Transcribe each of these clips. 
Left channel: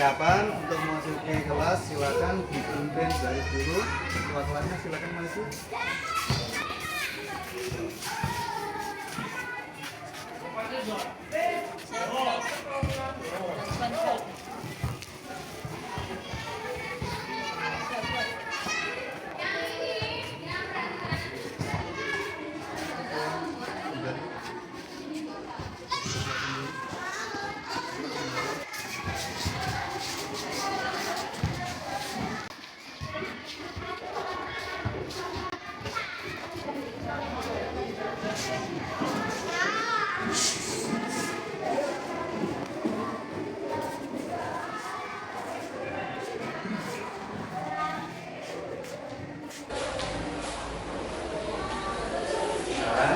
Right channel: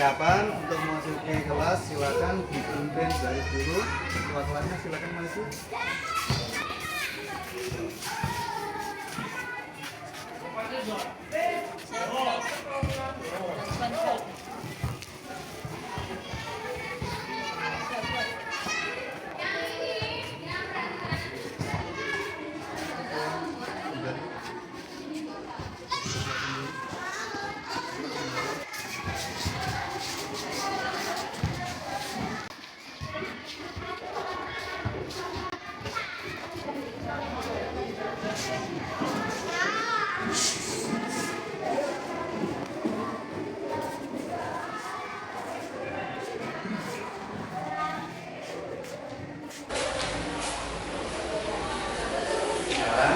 persiapan untuk memasuki kelas, silakan dipimpin baris dulu. Ketua kelasnya silakan maju.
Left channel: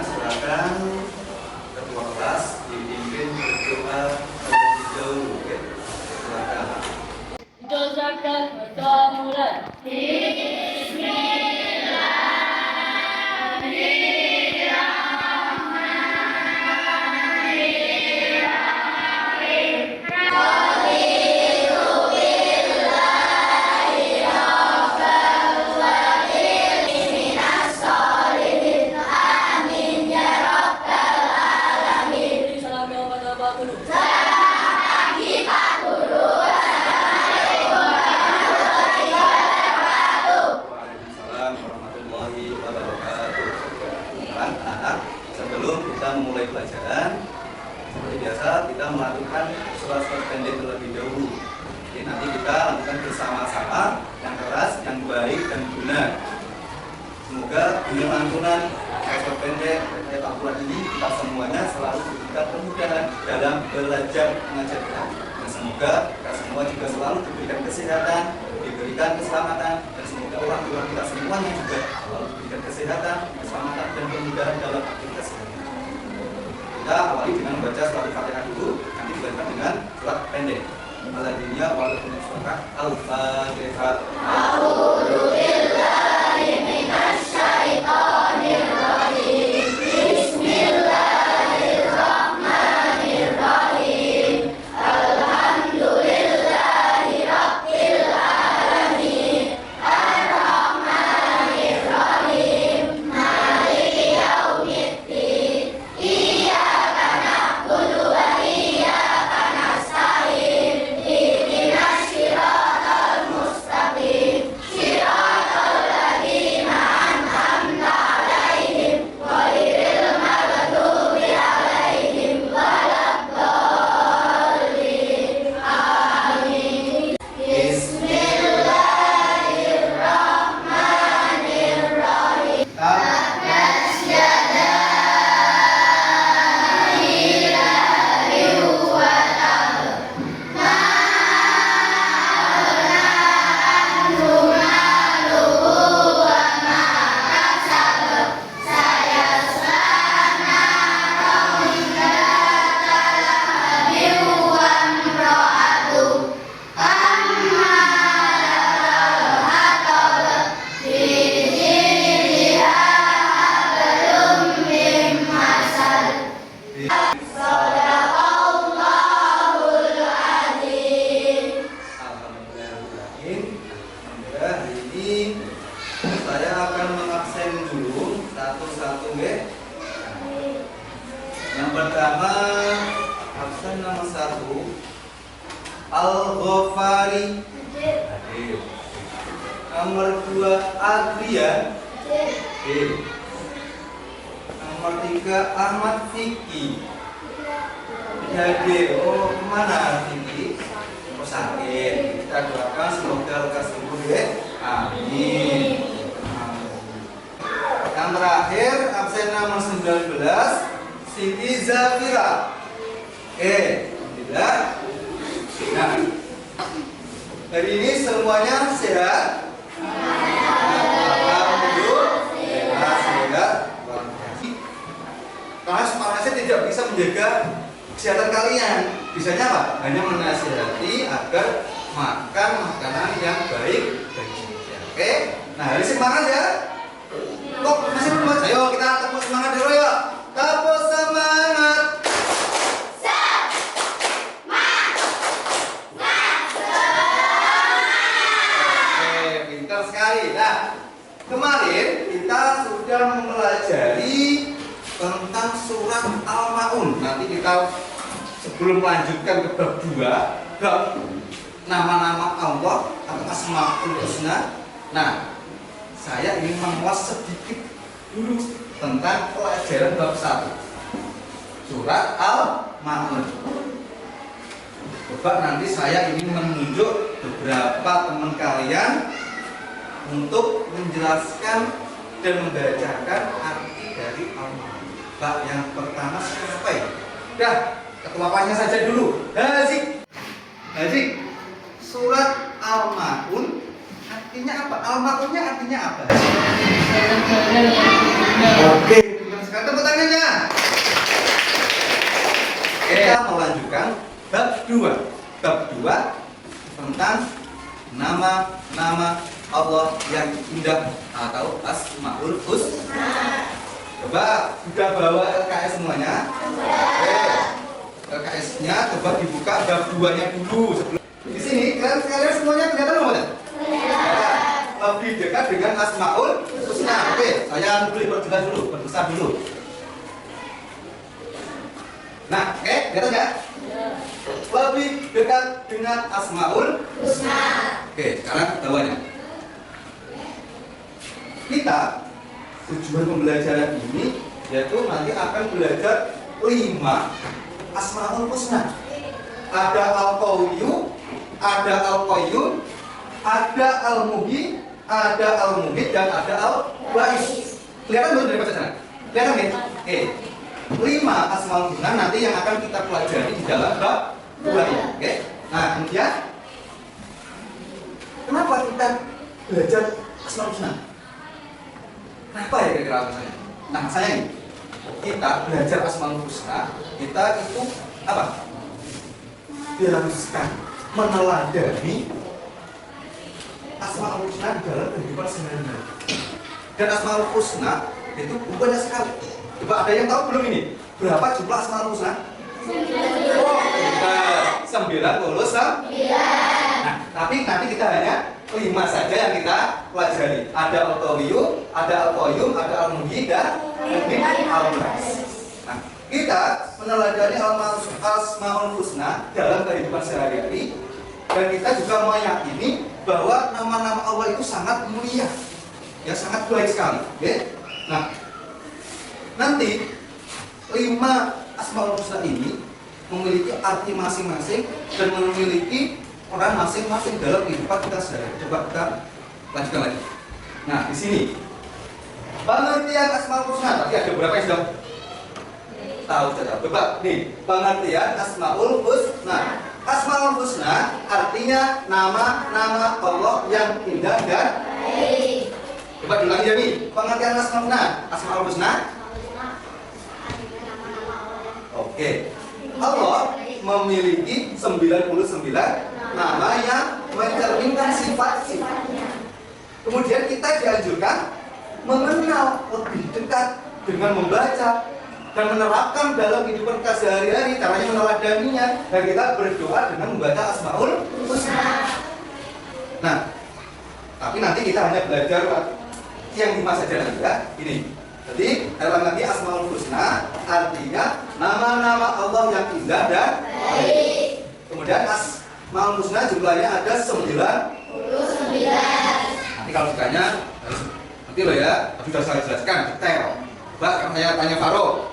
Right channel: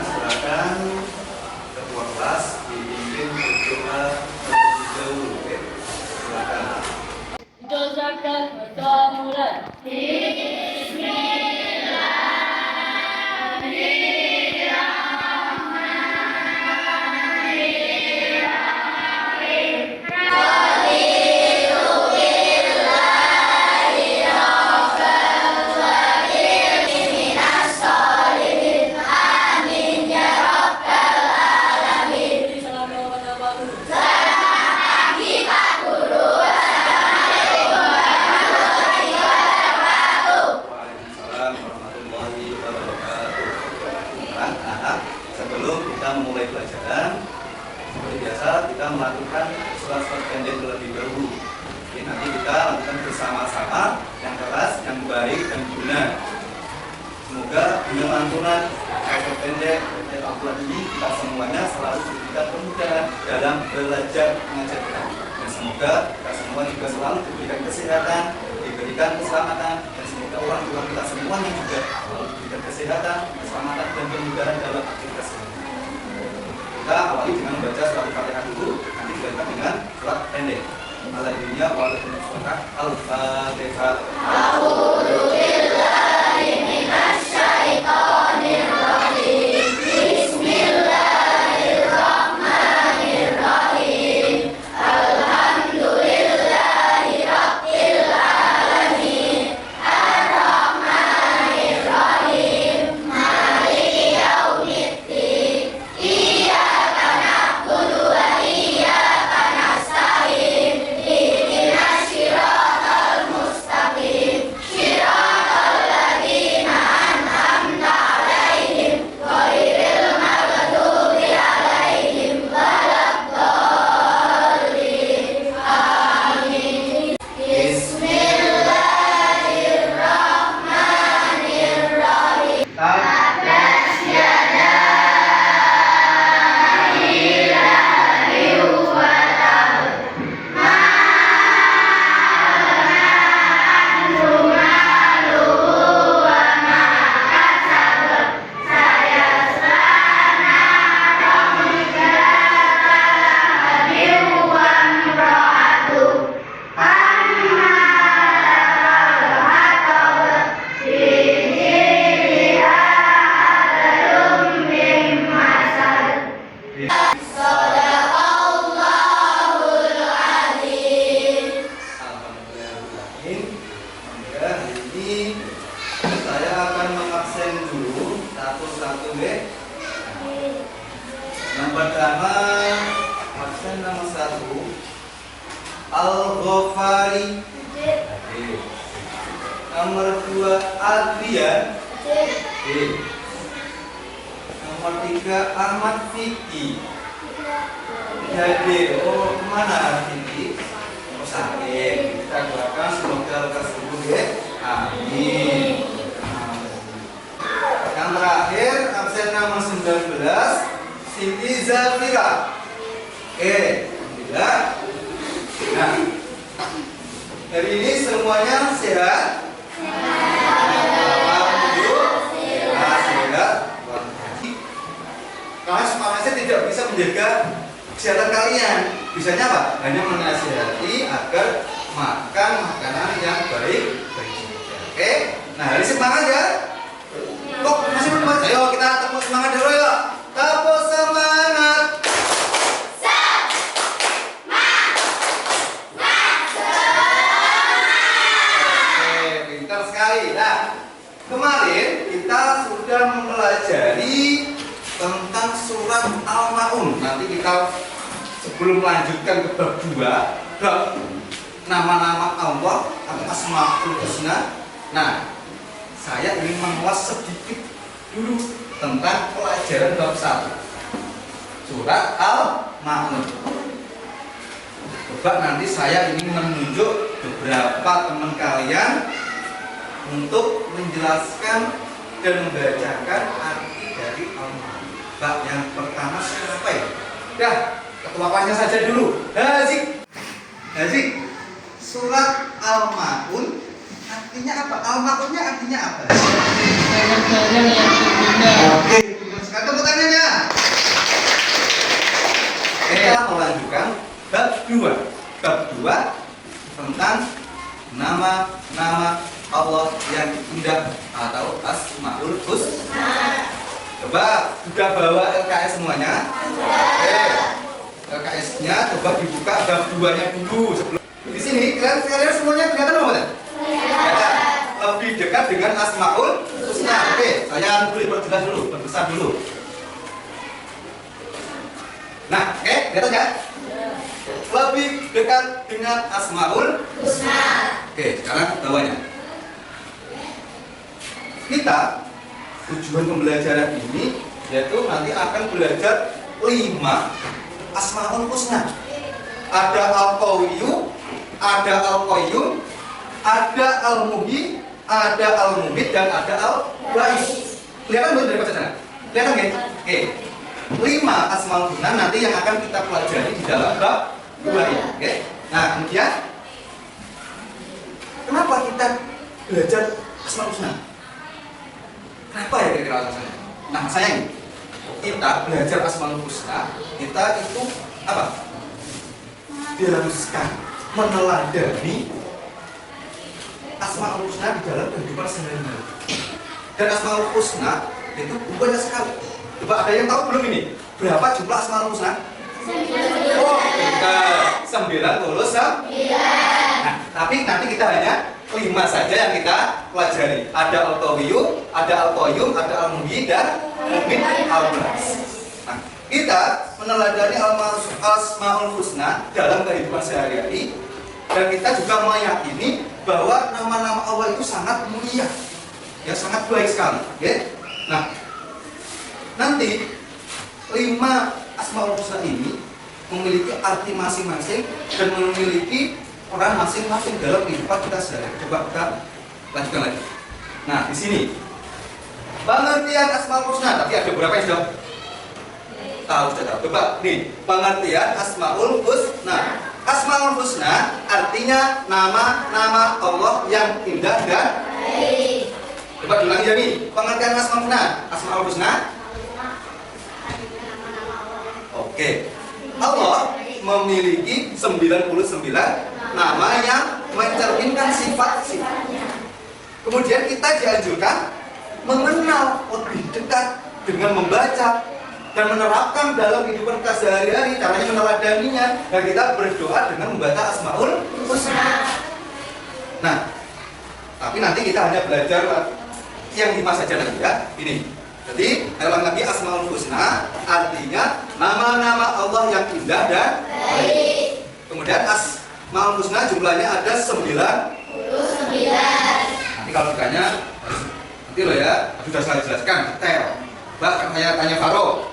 Silakan ketua kelas dipimpin berdoa terlebih dahulu. Oke, silakan. Doakan berdoa mulai. Waalaikumsalam warahmatullahi wabarakatuh. Anak-anak, sebelum kita memulai pelajaran, seperti biasa kita melakukan surat-surat pendek terlebih dahulu. Jadi nanti kita lakukan bersama-sama yang keras, yang baik dan benar. Semoga dengan lantunan surat pendek dan Al-Quran ini kita semuanya selalu diberikan kemudahan dalam belajar mengajar kita. Dan semoga kita semua juga selalu diberikan kesehatan, diberikan keselamatan, dan semoga orang tua kita semuanya juga selalu diberikan kesehatan, keselamatan dan kemudahan dalam aktivitas ini. Kita awali dengan membaca surat Al-Fatihah dulu, nanti dilanjutkan dengan surat pendek. Alhamdulillah walaupun surat Al-Fatihah. Saya akan mengabsen dulu satu-satu ya. Yang pertama absen nomor 1 Al-Ghafari. Nomor 2 Adrian. Nomor 3 Ahmad Fikri. Jadi kemana Fikri? Sakit. Kita doakan semoga lekas sembuh ya. Amin. Yang terakhir absen nomor 19 Siti Zafira. Oke, alhamdulillah. Nah, hari ini semuanya sehat. Alhamdulillah sehat. Karena panasnya tidak bisa menjaga kesehatan kalian. Bisanya apa? Hanya menasihati agar makan makanan yang baik bagi kita. Oke? Nah, hari semangat ya. Kok masih belum? Ayo kita tepuk semangat dulu ya. Tepuk semangat. mempelajari tentang surat Al-Maun. Nanti kita sebelum melanjutkan ke bab 2, bab nama-nama Allah atau Asmaul Husna. Nah, saya ingin mengulas sedikit dulu tentang pelajaran bab 1 surat Al-Maun. Coba nanti saya ingin menunjuk beberapa teman kalian untuk menjelaskan dan membacakan arti dari Al-Maun. Bab yang pertama siapa ya? Dah, ketuapannya saja dulu. Hazik, surat Al-Maun artinya apa? Al-Maunnya artinya apa? Barang-barang yang berguna. Oke, sekarang tepuk tangannya. Kita melanjutkan bab 2. Bab 2 tentang nama-nama Allah yang indah atau Asmaul Husna. Coba sudah bawa LKS semuanya? Oke. LKS-nya coba dibuka bab 2-nya dulu sebelum. Di sini kalian semuanya kelihatan apa enggak? Kelihatan. Lebih dekat dengan Asmaul Husna. Oke, saya boleh perjelas dulu, perbesar dulu. Nah, oke, kelihatan ya? Lebih dekat dengan Asmaul Husna. Oke, sekarang bawahnya. Kita tujuan pembelajaran ini yaitu nanti akan belajar 5 Asmaul Husna. Ada Al-Qawiyyu, ada Al-Qayyum, ada Al-Muhyi, ada Al-Mumit, dan ada Al-Ba'is. Kelihatan belum dari baca sana? Kelihatan nggak? Oke. 5 Asmaul Husna nanti yang akan kita pelajari di dalam bab 2 ini. Oke. Nah, kemudian kenapa kita belajar Asmaul Husna? Kenapa ya kira-kira alasannya? Nah, saya ini kita belajar Asmaul Husna, kita itu apa? Diharuskan meneladani Asmaul Husna di dalam kehidupan sehari-hari. Dan Asmaul Husna itu banyak sekali. Coba ada yang tahu belum ini? Berapa jumlah Asmaul Husna? 99. Nah, tapi nanti kita hanya 5 saja yang kita pelajari. Ada Al-Qawiyyu, ada Al-Qayyum, ada Al-Muhyi, dan Al-Mumit, Al-Ba'is. Nah, kita meneladani Asmaul Husna dalam kehidupan sehari-hari, dan kita juga meyakini bahwa nama-nama Allah itu sangat mulia, ya sangat baik sekali. Okay? Nah, nanti 5 Asmaul Husna ini memiliki arti masing-masing dan memiliki peran masing-masing dalam kehidupan kita sehari-hari. Coba kita lanjutkan lagi. Nah, di sini pengertian Asmaul Husna. Tadi ada beberapa yang sudah tahu, sudah tahu. Coba nih, pengertian Asmaul Husna. Asmaul Husna artinya nama-nama Allah yang indah dan baik. Coba diulangi ya nih, pengertian Asmaul Husna. Asmaul Husna. Oke. Allah memiliki 99 nama yang mencerminkan sifat-sifatnya. Kemudian kita dianjurkan mengenal lebih dekat dengan membaca dan menerapkan dalam kehidupan kita sehari-hari, caranya meneladaninya, dan kita berdoa dengan membaca Asmaul Husna. Nah, tapi nanti kita hanya belajar yang 5 saja nanti ya. Ini. Jadi, ulang lagi, Asmaul Husna artinya nama-nama Allah yang indah dan baik. Kemudian Asmaul Husna jumlahnya ada 99. Nanti kalau ditanya nanti loh ya, sudah saya jelaskan detail. Coba saya tanya Faro,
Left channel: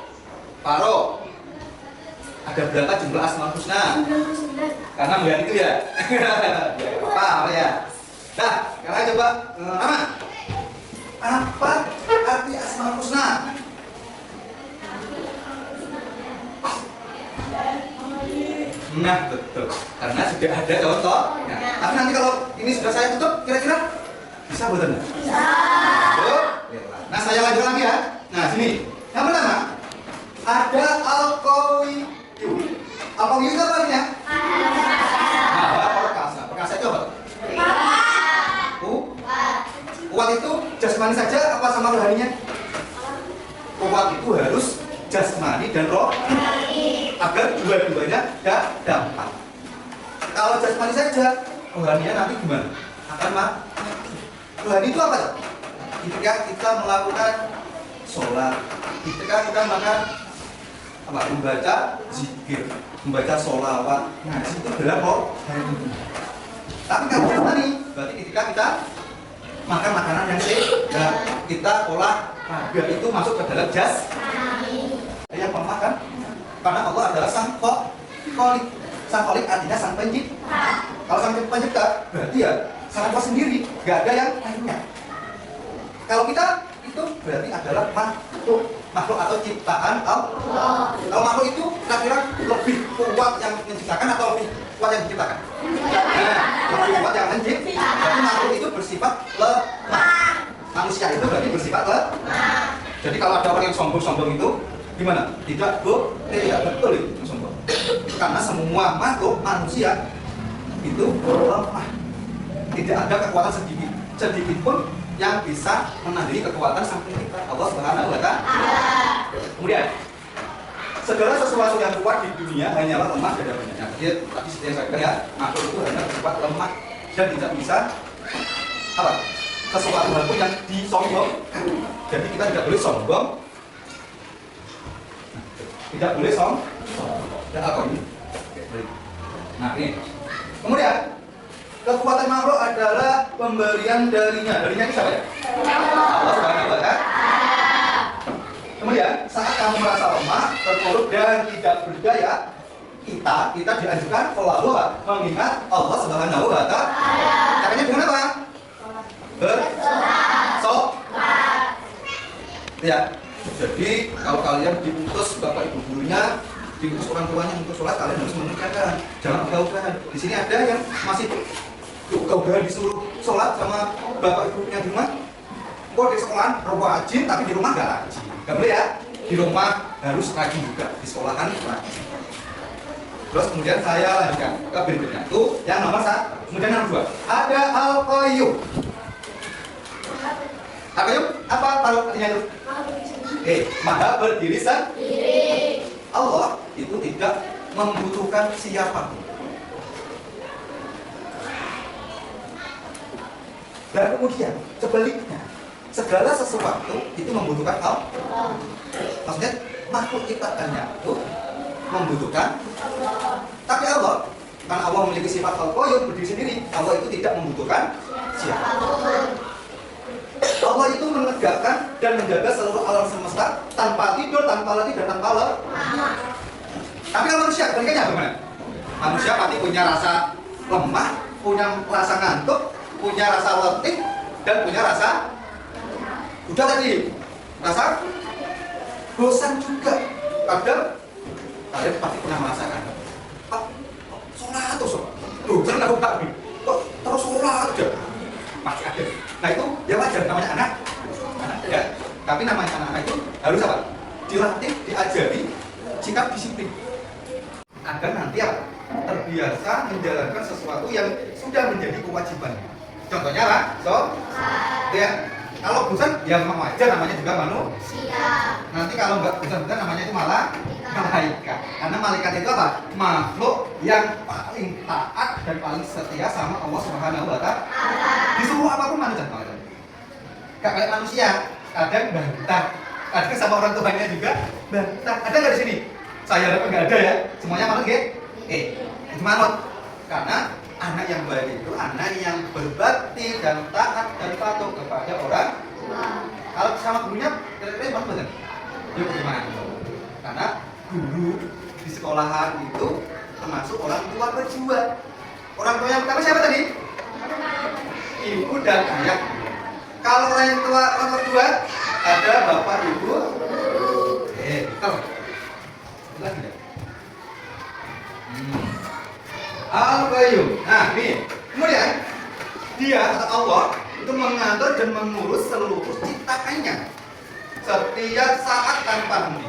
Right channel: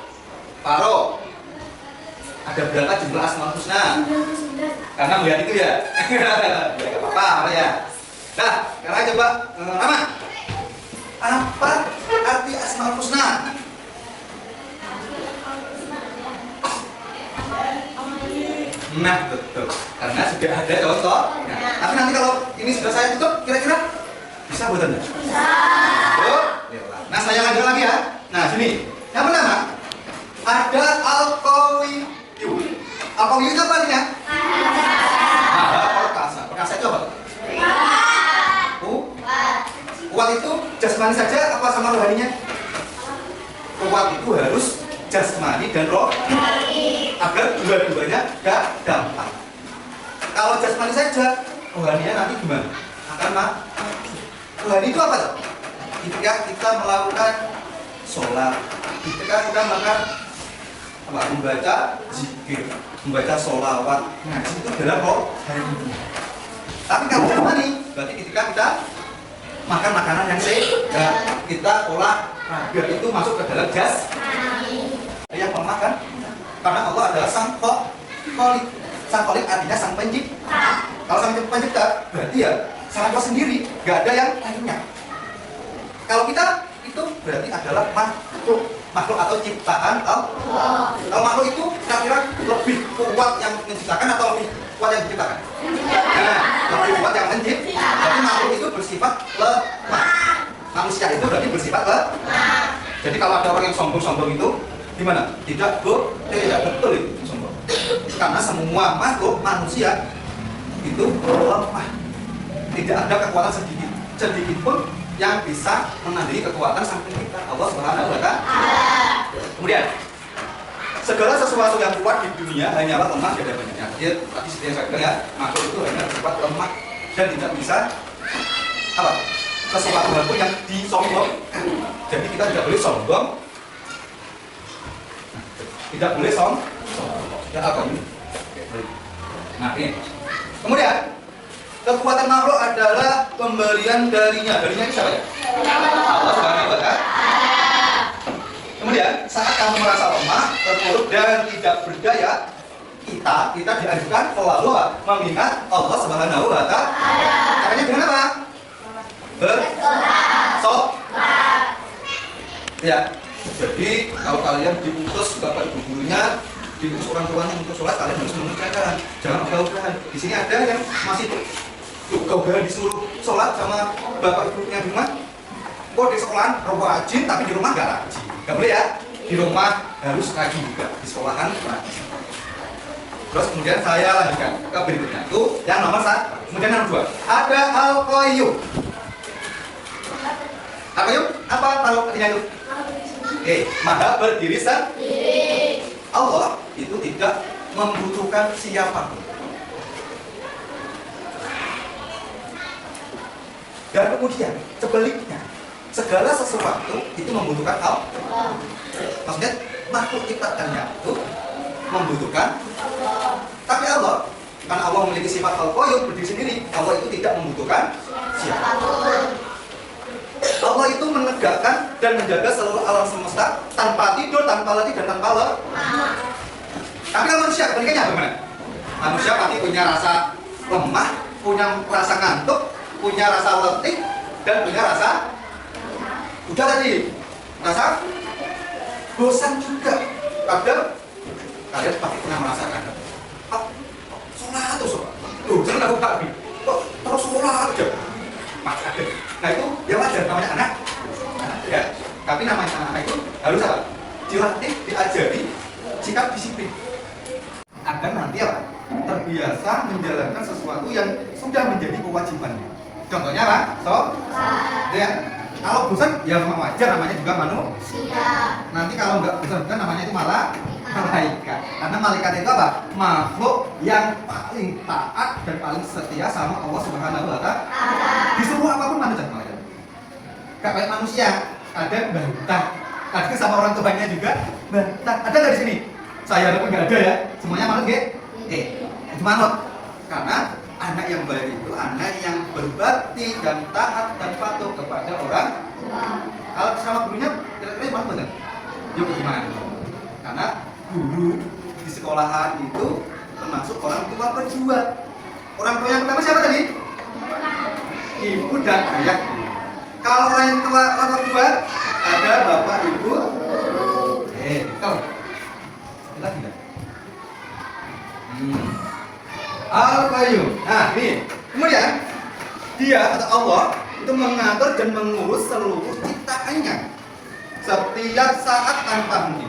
ada berapa jumlah Asmaul Husna? Karena melihat itu ya. Ya apa-apa ya. Nah, sekarang coba Rama. Apa arti Asmaul Husna? Nah, betul. Karena sudah ada contoh. Nah, tapi nanti kalau ini sudah saya tutup, kira-kira bisa buatan enggak? Bisa. Nah, saya lanjut lagi ya. Nah, sini. Yang pertama, ada Al-Qawiyyu. Al-Qawiyyu itu apa artinya? Perkasa. Perkasa itu apa? Kuat itu jasmani saja apa sama rohaninya? Kuat itu harus jasmani dan rohani agar dua-duanya gak dampak. Kalau jasmani saja, rohaninya nanti gimana? Akan mati. Rohani itu apa? Ketika kita melakukan sholat. Ketika kita makan membaca zikir, membaca sholawat, ngaji itu adalah hari ini. Tapi kalau tadi berarti ketika kita makan makanan yang sehat, kita olahraga itu masuk ke dalam jas yang memakan, karena Allah adalah sang kholik. Sang kholik artinya sang pencipta. Kalau sang pencipta berarti ya sang Allah sendiri, gak ada yang lainnya. Kalau kita itu berarti adalah makhluk atau ciptaan Allah. Kalau makhluk itu kira-kira lebih kuat yang menciptakan atau lebih kuat yang diciptakan? Lebih kuat yang menciptakan. Jadi makhluk itu bersifat lemah. Manusia itu berarti bersifat lemah. Jadi kalau ada orang yang sombong-sombong itu gimana? Tidak betul itu sombong. Karena semua makhluk manusia itu lemah. Tidak ada kekuatan sedikit pun yang bisa menandingi kekuatan sang pencipta Allah Subhanahu wa Ta'ala. Kemudian segala sesuatu yang kuat di dunia hanyalah lemah dan banyaknya. Jadi tadi seperti yang saya bilang ya, makhluk itu hanya bersifat lemah dan tidak bisa sesuatu hal pun yang disombong. Jadi kita tidak boleh sombong. Tidak boleh sombong. Dan apa ini? Nah ini. Kemudian kekuatan makhluk adalah pemberian darinya. Darinya itu siapa ya? Allah Subhanahu wa Ta'ala. Kemudian saat kamu merasa lemah, terpuruk dan tidak berdaya, kita dianjurkan selalu mengingat Allah Subhanahu wa Ta'ala. Caranya dengan apa? Bersolat. Ya. Jadi kalau kalian diutus bapak ibu gurunya, diutus orang tuanya untuk sholat, kalian harus mengerjakan, jangan ogah-ogahan. Di sini ada yang masih ogah-ogahan disuruh sholat sama bapak ibunya di rumah. Kok di sekolah rajin tapi di rumah nggak rajin, nggak boleh ya. Di rumah harus rajin juga, di sekolahan rajin. Terus kemudian saya lanjutkan ke berikutnya, itu yang nomor 1. Kemudian yang 2 ada Al-Qayyum. Al-Qayyum apa tahu artinya itu? Maha berdiri sendiri. Allah itu tidak membutuhkan siapapun. Dan kemudian sebaliknya, segala sesuatu itu membutuhkan Allah. Maksudnya makhluk ciptaannya itu membutuhkan. Tapi Allah, karena Allah memiliki sifat Al-Qayyum, berdiri sendiri, Allah itu tidak membutuhkan siapapun. Allah itu menegakkan dan menjaga seluruh alam semesta tanpa tidur, tanpa letih, dan tanpa lelah. Tapi kalau manusia, kebalikannya bagaimana? Manusia pasti punya rasa lemah, punya rasa ngantuk, punya rasa letih, dan punya rasa udah tadi, rasa bosan juga. Kadang kalian pasti pernah merasakan, sholat terus, jangan aku tak kok terus sholat aja, pasti ada. Nah itu ya wajar, namanya anak ya. Tapi namanya anak itu harus apa? Dilatih, diajari sikap disiplin agar nanti apa? Terbiasa menjalankan sesuatu yang sudah menjadi kewajibannya. Contohnya apa? Ya, kalau bosan ya memang wajar, namanya juga manusia. Nanti kalau nggak bosan-bosan namanya itu malah malaikat. Karena malaikat itu apa? Makhluk yang paling taat dan paling setia sama Allah Subhanahu wa Ta'ala. Disuruh apapun manusia malaikat. Gak kayak manusia, kadang bantah, kadang sama orang tuanya juga bantah. Ada nggak di sini? Saya harap nggak ada ya. Semuanya manut nggih? Itu manut. Karena anak yang baik itu anak yang berbakti dan taat dan patuh kepada orang tua. Kalau sama gurunya, kira-kira mana benar? Yuk bagaimana? Karena guru di sekolahan itu termasuk orang tua berjuang. Orang tua yang pertama siapa tadi? Ibu dan ayah. Kalau orang tua kedua ada bapak ibu. Kalau lagi enggak? Al-Qayyum. Nah ini. Kemudian dia atau Allah itu mengatur dan mengurus seluruh ciptaannya setiap saat tanpa henti.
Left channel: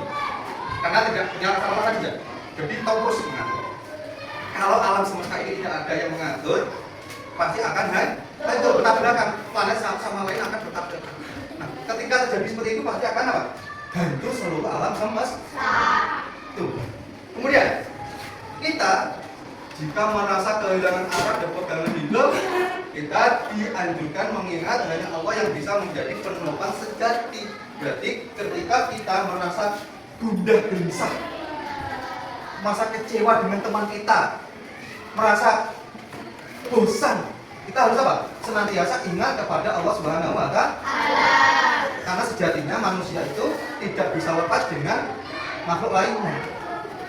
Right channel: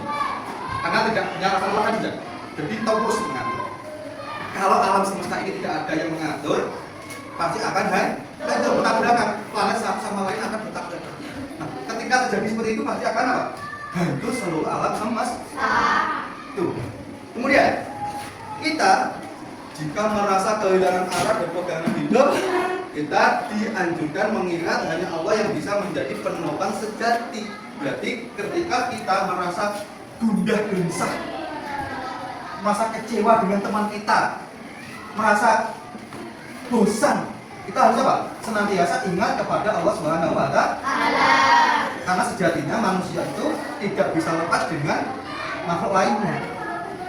Karena tidak punya rasa lelah juga. Jadi terus mengatur. Kalau alam semesta ini tidak ada yang mengatur, pasti akan hancur bertabrakan. Planet satu sama lain akan bertabrakan. Nah, ketika terjadi seperti itu pasti akan apa? Hancur seluruh alam semesta. Tuh. Kemudian kita jika merasa kehilangan arah dan pegangan hidup, kita dianjurkan mengingat hanya Allah yang bisa menjadi penopang sejati. Berarti ketika kita merasa gundah gelisah, merasa kecewa dengan teman kita, merasa bosan, kita harus apa? Senantiasa ingat kepada Allah Subhanahu wa Ta'ala. Karena sejatinya manusia itu tidak bisa lepas dengan makhluk lainnya.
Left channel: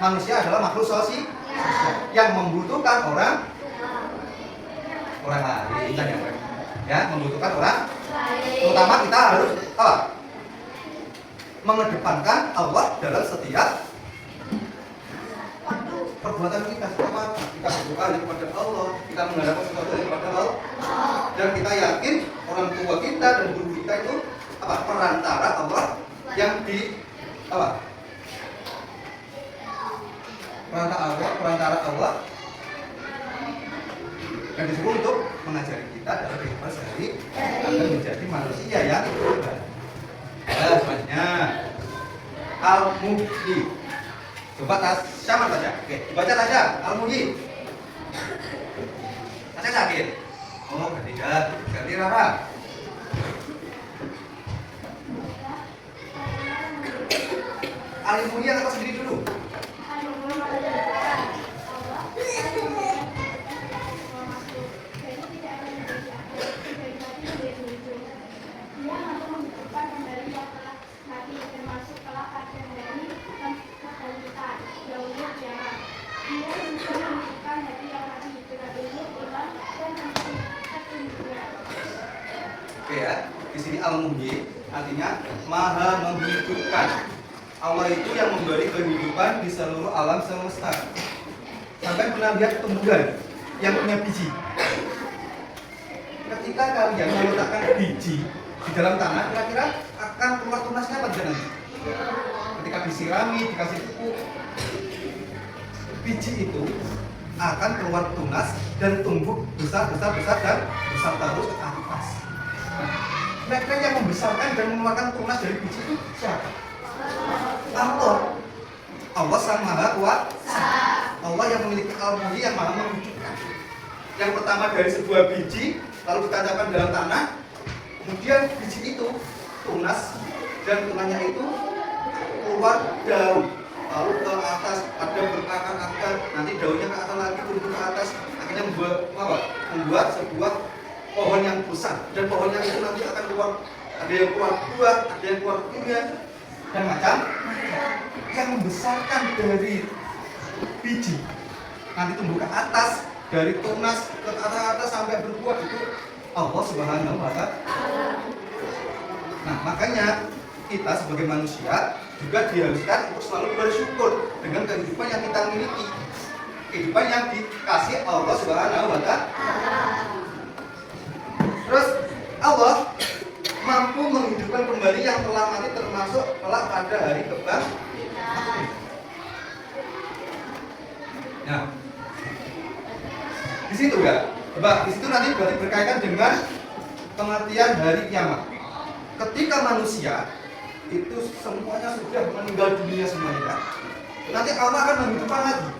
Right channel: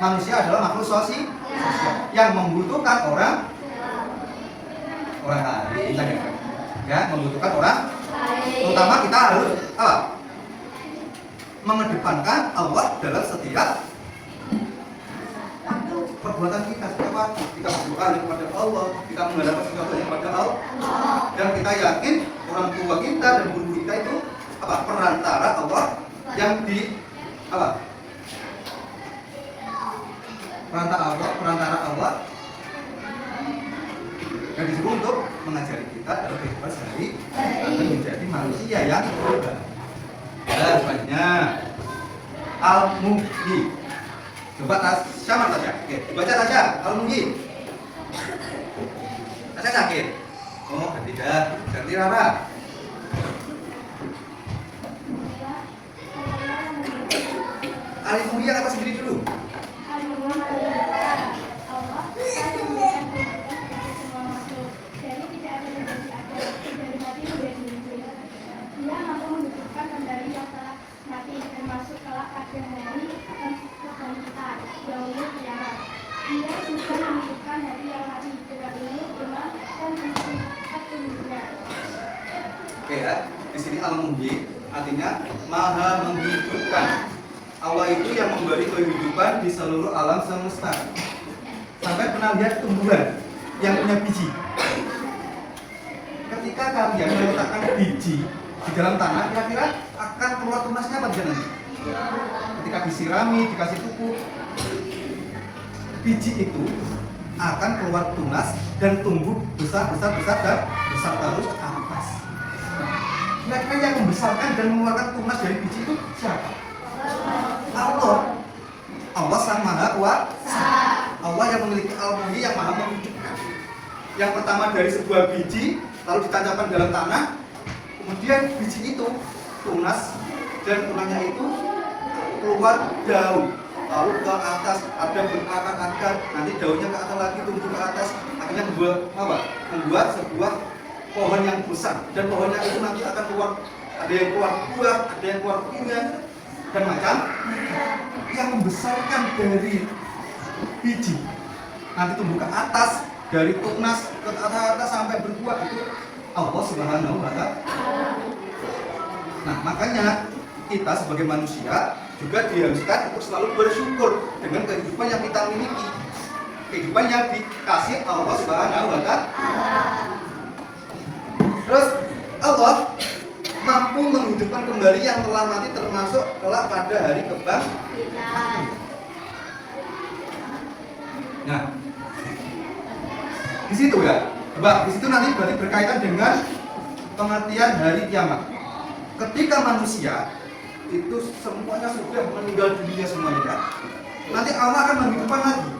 Manusia adalah makhluk sosial yang membutuhkan orang lain, ya, membutuhkan orang. Terutama kita harus apa? Mengedepankan Allah dalam setiap perbuatan kita. Apa? Kita berdoa kepada Allah, kita mengharapkan sesuatu kepada Allah, dan kita yakin orang tua kita dan guru kita itu apa? Perantara Allah yang di apa? Perantara Allah yang disuruh untuk mengajari kita agar kita sehari agar menjadi manusia yang berbahagia. Banyak Al-Muhyi. Coba sama saja. Oke, baca saja Al-Muhyi. Saya sakit. Oh, ketiga, ganti Rara. Al-Muhyi yang atas sendiri dulu. Oke ya, di sini Al-Muhyi artinya maha menghidupkan. Allah itu yang memberi kehidupan di seluruh alam semesta. Sampai pernah lihat tumbuhan yang punya biji? Ketika kalian meletakkan biji di dalam tanah, kira-kira akan keluar tunasnya apa jangan? Ketika disirami, dikasih pupuk, biji itu akan keluar tunas dan tumbuh besar dan besar terus ke atas. Kira-kira yang membesarkan dan mengeluarkan tunas dari biji itu siapa? Allah Sang Maha Kuasa. Allah yang memiliki Al-Muhyi yang maha menghidupkan. Yang pertama dari sebuah biji lalu ditancapkan dalam tanah, kemudian biji itu tunas dan tunasnya itu keluar daun, lalu ke atas ada berakar-akar, nanti daunnya ke atas lagi tumbuh ke atas, akhirnya membuat sebuah pohon yang besar, dan pohonnya itu nanti akan keluar, ada yang keluar buah, ada yang keluar bunga dan macam yang membesarkan dari biji nanti tumbuh ke atas, dari tunas ke atas sampai berbuah, itu Allah Subhanahu wa Ta'ala. Nah, makanya kita sebagai manusia juga diharuskan untuk selalu bersyukur dengan kehidupan yang kita miliki, kehidupan yang dikasih Allah Subhanahu wa Ta'ala. Terus Allah mampu menghidupkan kembali yang telah mati, termasuk kelak pada hari kebangkitan. Nah, di situ ya, coba di situ nanti berarti berkaitan dengan pengertian hari kiamat. Ketika manusia itu semuanya sudah meninggal dunia semuanya, kan? Nanti Allah akan menghidupkan lagi.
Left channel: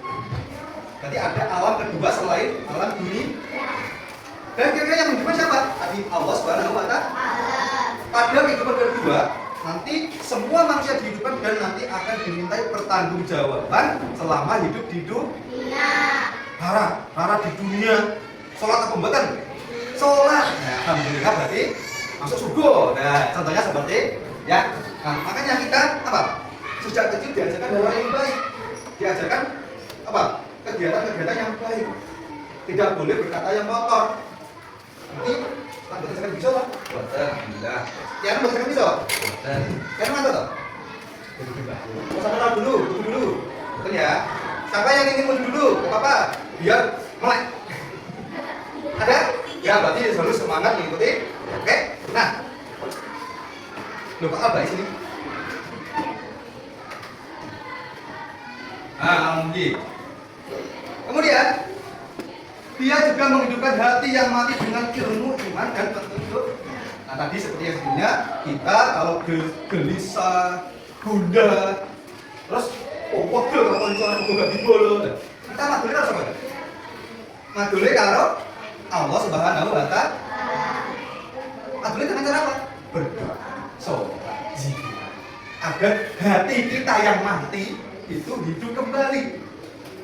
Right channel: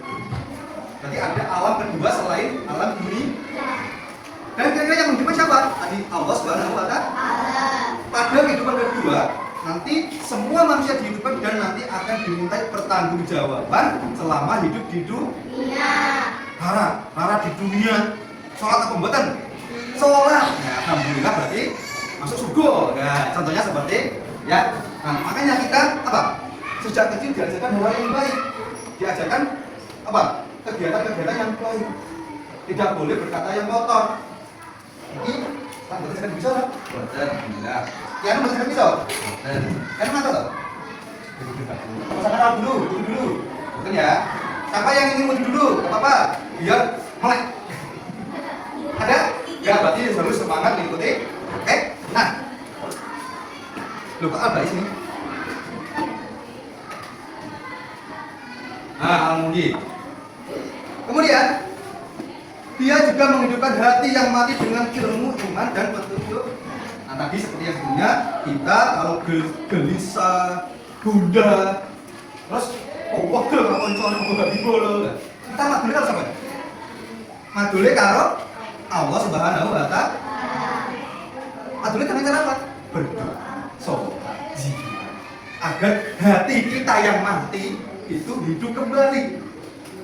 Nanti ada alam kedua selain alam ini. Dan kira-kira yang menghidupkan siapa? Tadi Allah Subhanahu wa Ta'ala. Pada kehidupan kedua, nanti semua manusia dihidupkan dan nanti akan dimintai pertanggungjawaban selama hidup di dunia. Rara di dunia sholat apa pembuatan? Sholat. Nah, alhamdulillah berarti masuk surga. Nah, contohnya seperti ya. Nah, makanya kita apa? Sejak kecil diajarkan hal yang baik, diajarkan apa? Kegiatan-kegiatan yang baik. Tidak boleh berkata yang kotor. Ini baca bisa loh. Alhamdulillah. Yang baca bisa. Yang mana tuh? Pasang dulu. Betul ya. Siapa yang ingin mundur dulu? Gak apa-apa. Biar melek. Ada? Ya, berarti harus semangat mengikuti. Oke. Nah, lupa apa ini? Al-Muhyi. Kemudian dia juga menghidupkan hati yang mati dengan ilmu, iman, dan petunjuk. Nah, tadi seperti yang sebelumnya, kita kalau gelisah, gundah, terus pegel kalau soal gak dibolo. Kita madule karo sapa? Madule karo Allah Subhanahu wa Ta'ala. Adulnya dengan cara apa? Berdoa, sholat, zikir, agar hati kita yang mati itu hidup kembali.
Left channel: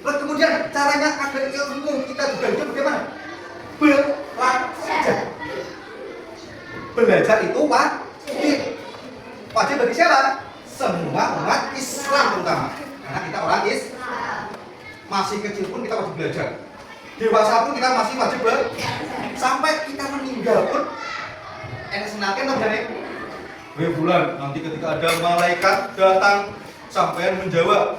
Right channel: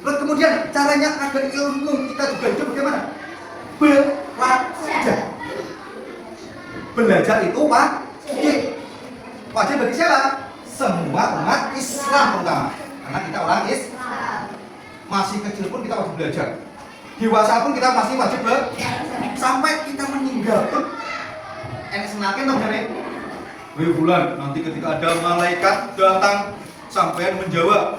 Terus kemudian caranya agar ilmu kita juga hidup bagaimana? Belajar. Belajar itu wajib. Wajib bagi siapa? Semua umat Islam terutama. Karena kita orang Islam. Masih kecil pun kita wajib belajar. Dewasa pun kita masih wajib belajar. Sampai kita meninggal pun enak senakin dong dari bulan nanti ketika ada malaikat datang sampai menjawab,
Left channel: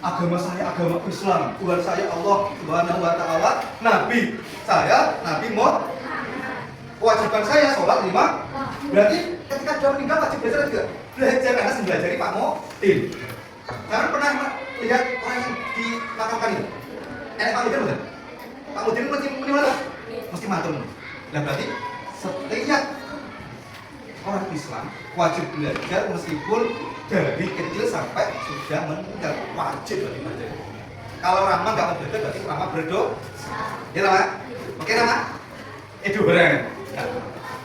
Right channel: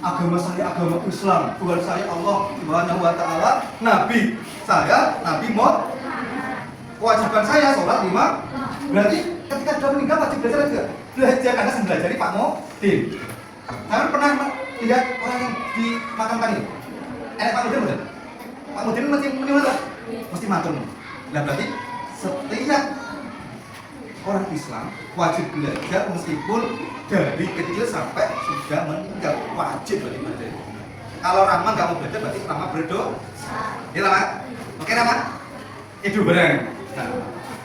agama saya agama Islam, Tuhan saya Allah Subhanahu wa Ta'ala, Nabi saya Nabi Muhammad, kewajiban saya sholat 5. Berarti ketika sudah meninggal wajib belajar juga. Belajar karena mempelajari Pak Modin. Kalian pernah lihat orang yang dimakamkan ini? Pak Modin bukan? Pak Modin mesti matur. Mesti matur. Nah berarti setiap orang Islam wajib belajar meskipun dari kecil sampai sudah meninggal, wajib belajar. Kalau Rahman nggak mau belajar berarti Rahman berdoa. Ya Rahman? Oke Rahman? Itu bareng.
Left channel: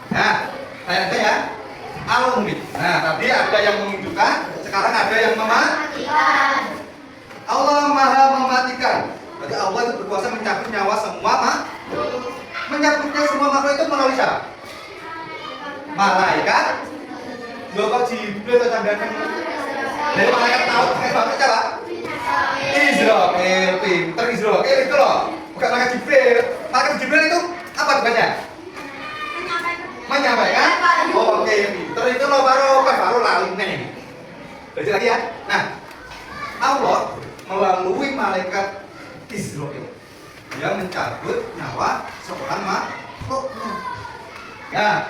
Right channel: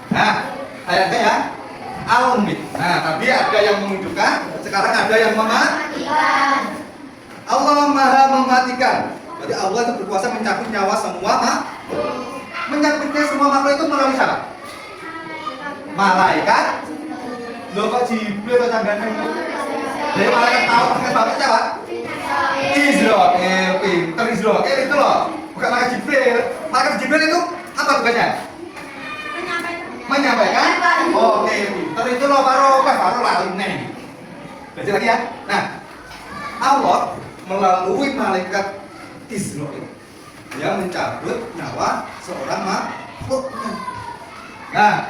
Nah, ayatnya ya. Al-Mumit. Nah, tadi ada yang menunjukkan, sekarang ada yang mematikan. Allah Maha mematikan. Jadi Allah itu berkuasa mencabut nyawa semua menyakitnya semua makhluk itu melalui siapa? Malaikat. Loh kok Jibril atau tandanya? Dari malaikat tahu pakai bapak siapa? Israel, pinter Israel itu loh. Bukan malaikat Jibril. Malaikat Jibril itu apa tugasnya? Menyampaikan. Oke, pinter itu loh baru lalu nih. Belajar lagi ya. Nah, Allah melalui malaikat Israel yang mencabut nyawa seorang makhluknya. Nah,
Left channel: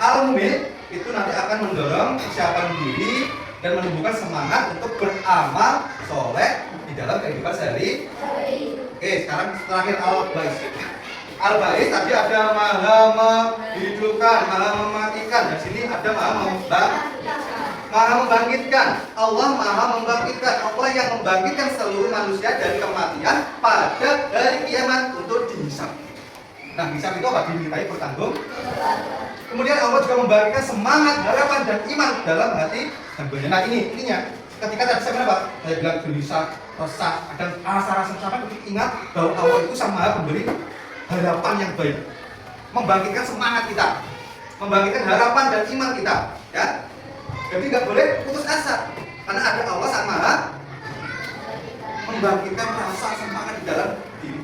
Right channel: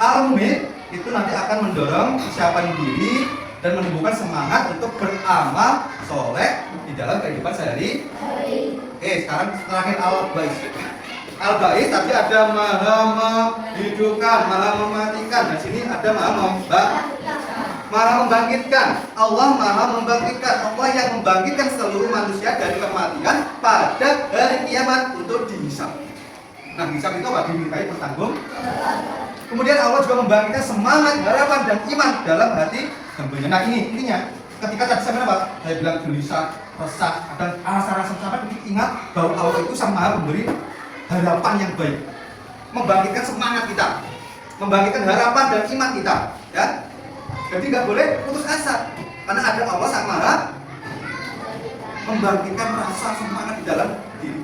Al-Mumit itu nanti akan mendorong kesiapan diri dan menumbuhkan semangat untuk beramal soleh di dalam kehidupan sehari. Oke, sekarang terakhir Al-Bais. Al-Bais tadi ada Maha menghidupkan, Maha mematikan. Di sini ada Maha membangkitkan. Allah Maha membangkitkan. Allah yang membangkitkan seluruh manusia dari kematian pada hari kiamat untuk dihisab. Nah, hisab itu apa? Dimintai bertanggung. Kemudian Allah juga membangkitkan semangat, harapan dan iman dalam hati hambanya. Nah, ininya. Ketika tadi saya apa? Saya bilang gelisah, resah, dan rasa-rasa sampai ingat bahwa Allah itu sang Maha memberi harapan yang baik, membangkitkan semangat kita, membangkitkan harapan dan iman kita, ya. Jadi nggak boleh putus asa, karena ada Allah sang Maha membangkitkan rasa semangat di dalam diri.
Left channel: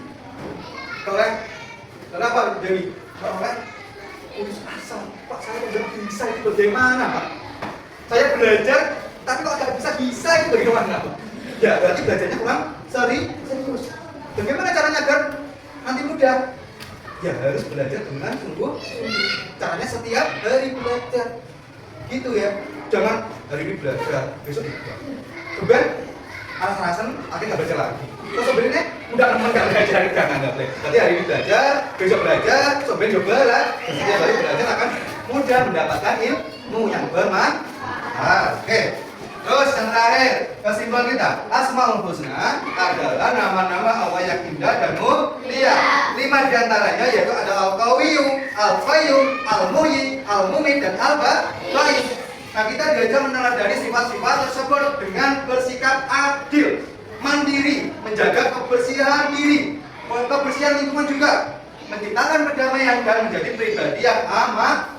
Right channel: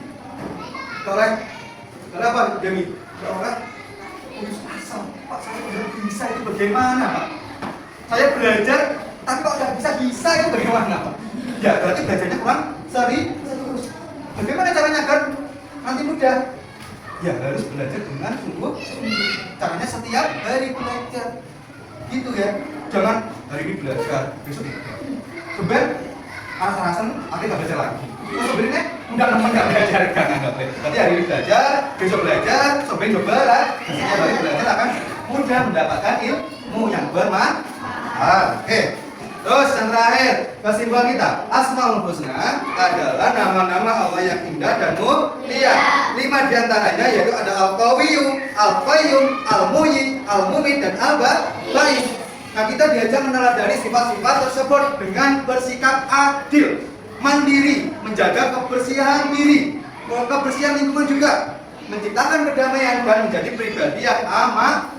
Kenapa jadi putus asa? Pak saya udah bisa itu bagaimana Pak? Saya belajar tapi kok nggak bisa itu bagaimana Pak? Ya berarti belajarnya kurang serius. Bagaimana caranya agar nanti mudah? Ya harus belajar dengan sungguh. Caranya setiap hari belajar, gitu ya. Jangan hari ini belajar, besok tidak. Coba alasan akhirnya nggak belajar lagi. Terus sebenarnya nggak belajar, nggak boleh. Tapi hari ini belajar, besok belajar, cobain coba lah. Setiap hari belajar akan mudah mendapatkan ilmu yang bermanfaat. Oke. Terus yang terakhir, kesimpulan kita, Asmaul Husna adalah nama-nama Allah yang indah dan mulia. 5 diantaranya yaitu ada Al-Qawiyyu, Al-Qayyum, Al-Muhyi, Al-Mumit, dan Al-Ba'is. Nah, kita diajar meneladani sifat-sifat tersebut dengan bersikap adil, mandiri, menjaga kebersihan diri, kebersihan lingkungan juga, menciptakan perdamaian dan menjadi pribadi yang aman,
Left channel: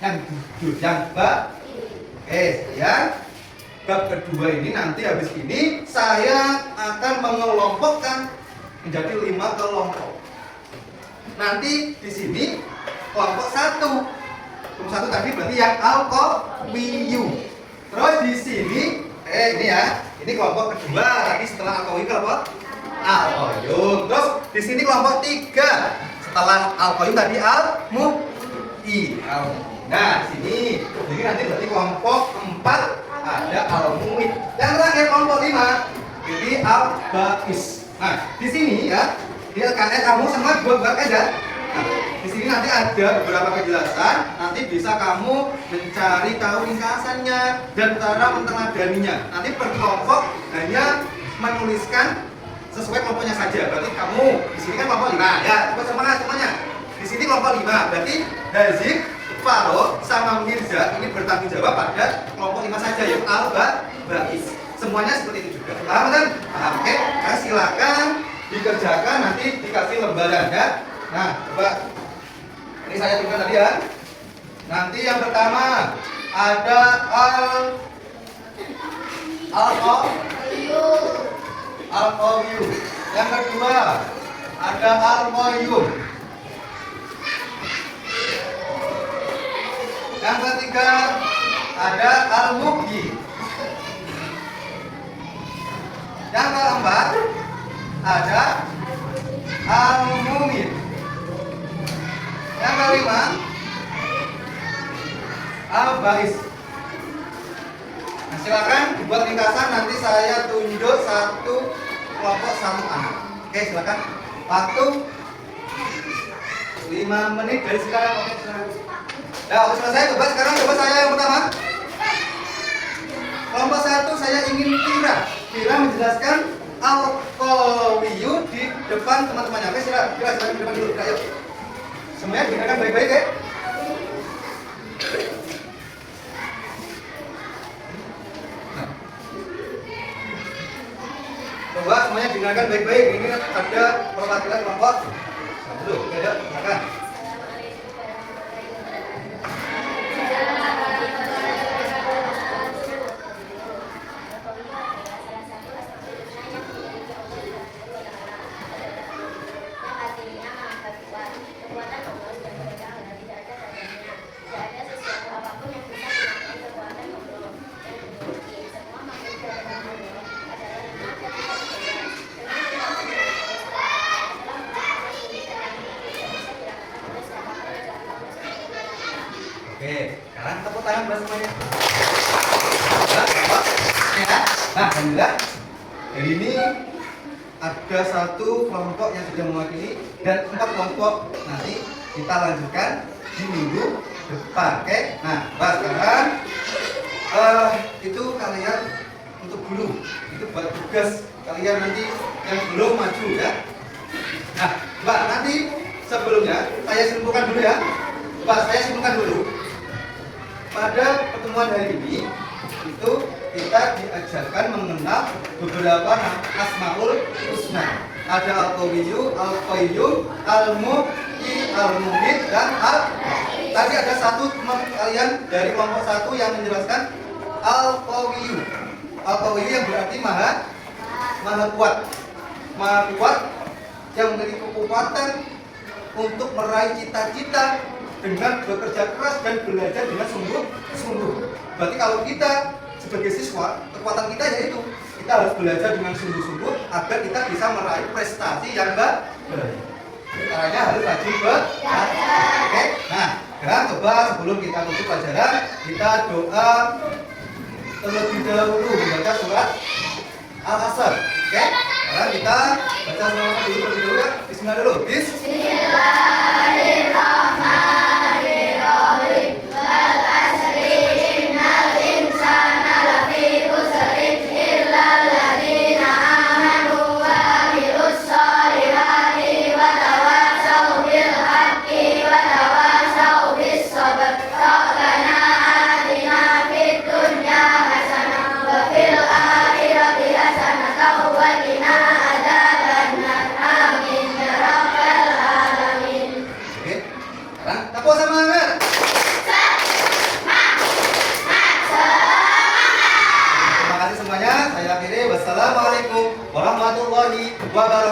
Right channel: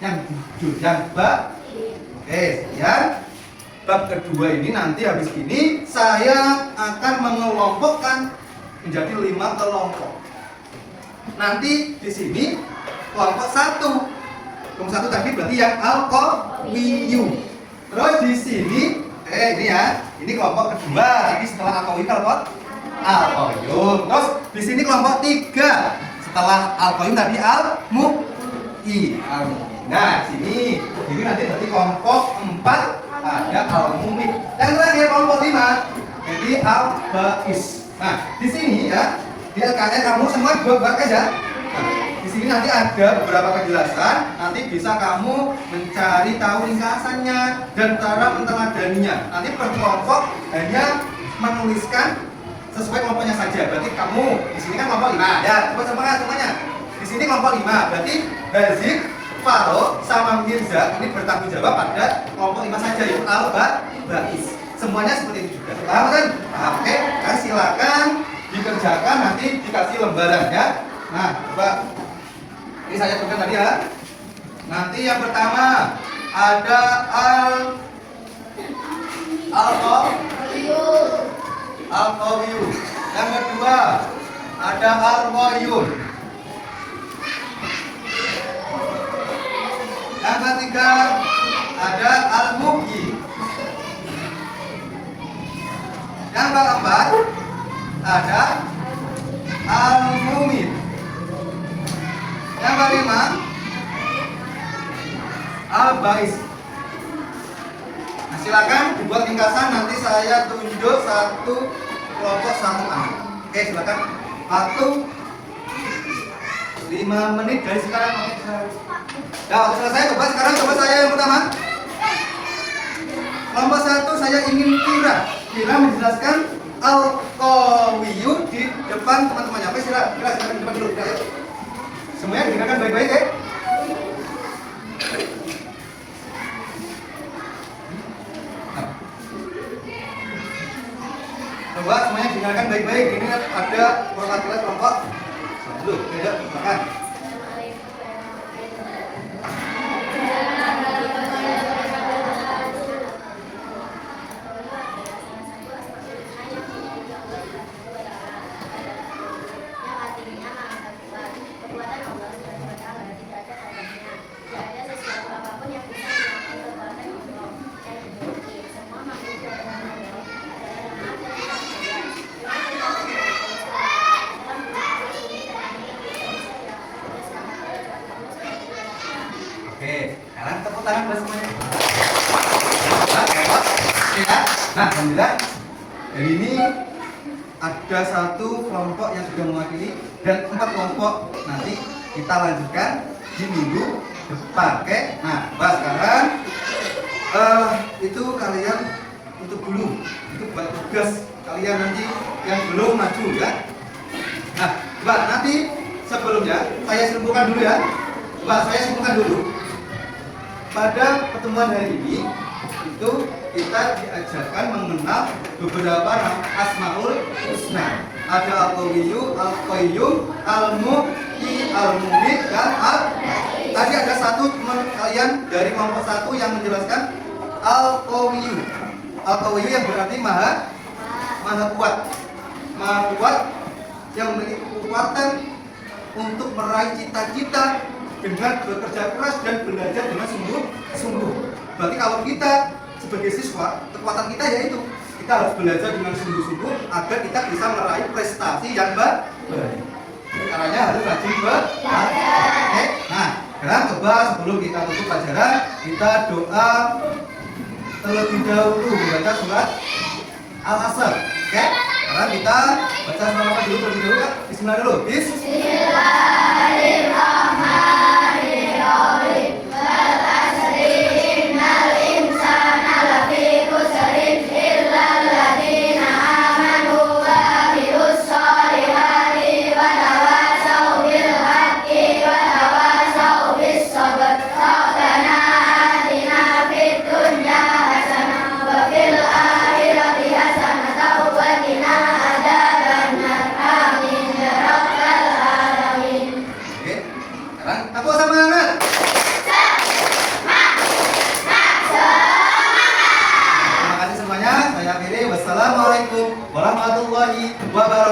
yang jujur, yang baik. Yang bab kedua ini nanti habis ini saya akan mengelompokkan menjadi 5 kelompok. Nanti di sini kelompok 1. Kelompok 1 tadi berarti yang Al-Qawiyyu. Terus di sini ini ya, ini kelompok kedua. Tapi setelah Al-Qawiyyu kelompok Al-Qayyum. Terus di sini kelompok 3. Setelah Al-Qayyum tadi Al-Muhyi. Nah, sini nanti berarti kelompok 4 ada Al-Mumit. Dan terakhir kelompok 5 jadi Al-Ba'is. Nah, di sini ya, di LKS kamu semua buat aja. Nah, di sini nanti ada beberapa penjelasan. Nanti bisa kamu mencari tahu ringkasannya dan cara menteladaninya. Nanti per kelompok hanya menuliskan sesuai kelompoknya saja. Berarti kamu di sini kan kelompok 5. Ya, coba semuanya. Di sini kelompok 5. Berarti Hazik, Farouk sama Mirza ini bertanggung jawab pada kelompok 5 saja ya. Al-Ba'is. Semuanya seperti itu juga. Paham kan? Oke, nah, silakan dikerjakan, nanti dikasih lembaran ya. Nah, coba ini saya turunkan tadi ya. Nanti yang pertama ada Al-Qawiyu. Yang kedua ada Al-Qayyum. Yang ketiga ada Al-Mughyi. Yang keempat ada Al-Mumin. Yang kelima Al-Ba'is. Nah, silakan dibuat ringkasan, nanti saya tunjuk satu kelompok satu anak. Oke, silakan. Waktu 5 menit dari sekarang. Oke, nah, selesai. Coba saya yang pertama. Kelompok 1 saya ingin Kira menjelaskan Al-Qawiyu di depan teman-temannya. Oke, silakan di depan dulu. Ayo. Semuanya dengarkan baik-baik ya. Coba semuanya dengarkan baik-baik. Ini ada perwakilan kelompok 1. Ayo, makan. Oke, sekarang tepuk tangan buat semuanya. Ya. Nah, alhamdulillah. Jadi ini ada satu kelompok yang sudah mewakili dan 4 kelompok nanti kita lanjutkan di minggu depan. Oke. Nah, sekarang itu kalian untuk dulu. Itu buat tugas kalian nanti yang belum maju ya. Nah, nanti sebelumnya saya simpulkan dulu ya. Saya simpulkan dulu. Pada pertemuan hari ini itu kita diajarkan mengenal beberapa Asmaul Husna. Ada Al-Qawiyu, Al-Qayyum, Al-Mughyi, Al-Mumin, dan tadi ada satu teman kalian dari kelompok 1 yang menjelaskan Al-Qawiyu. Al-Qawiyu yang berarti maha kuat. Maha kuat yang memiliki kekuatan untuk meraih cita-cita dengan bekerja keras dan belajar dengan sungguh-sungguh. Berarti kalau kita sebagai siswa, kekuatan kita yaitu kita harus belajar dengan sungguh-sungguh agar kita bisa meraih prestasi yang baik. Caranya harus rajin belajar. Oke. Nah, sekarang coba sebelum kita tutup pelajaran, kita doa terlebih dahulu membaca surat Al-Asr. Oke. Sekarang kita baca selawat dulu terlebih dahulu ya. Bismillah dulu. Bismillahirrahmanirrahim. Wassalamualaikum warahmatullahi wabarakatuh.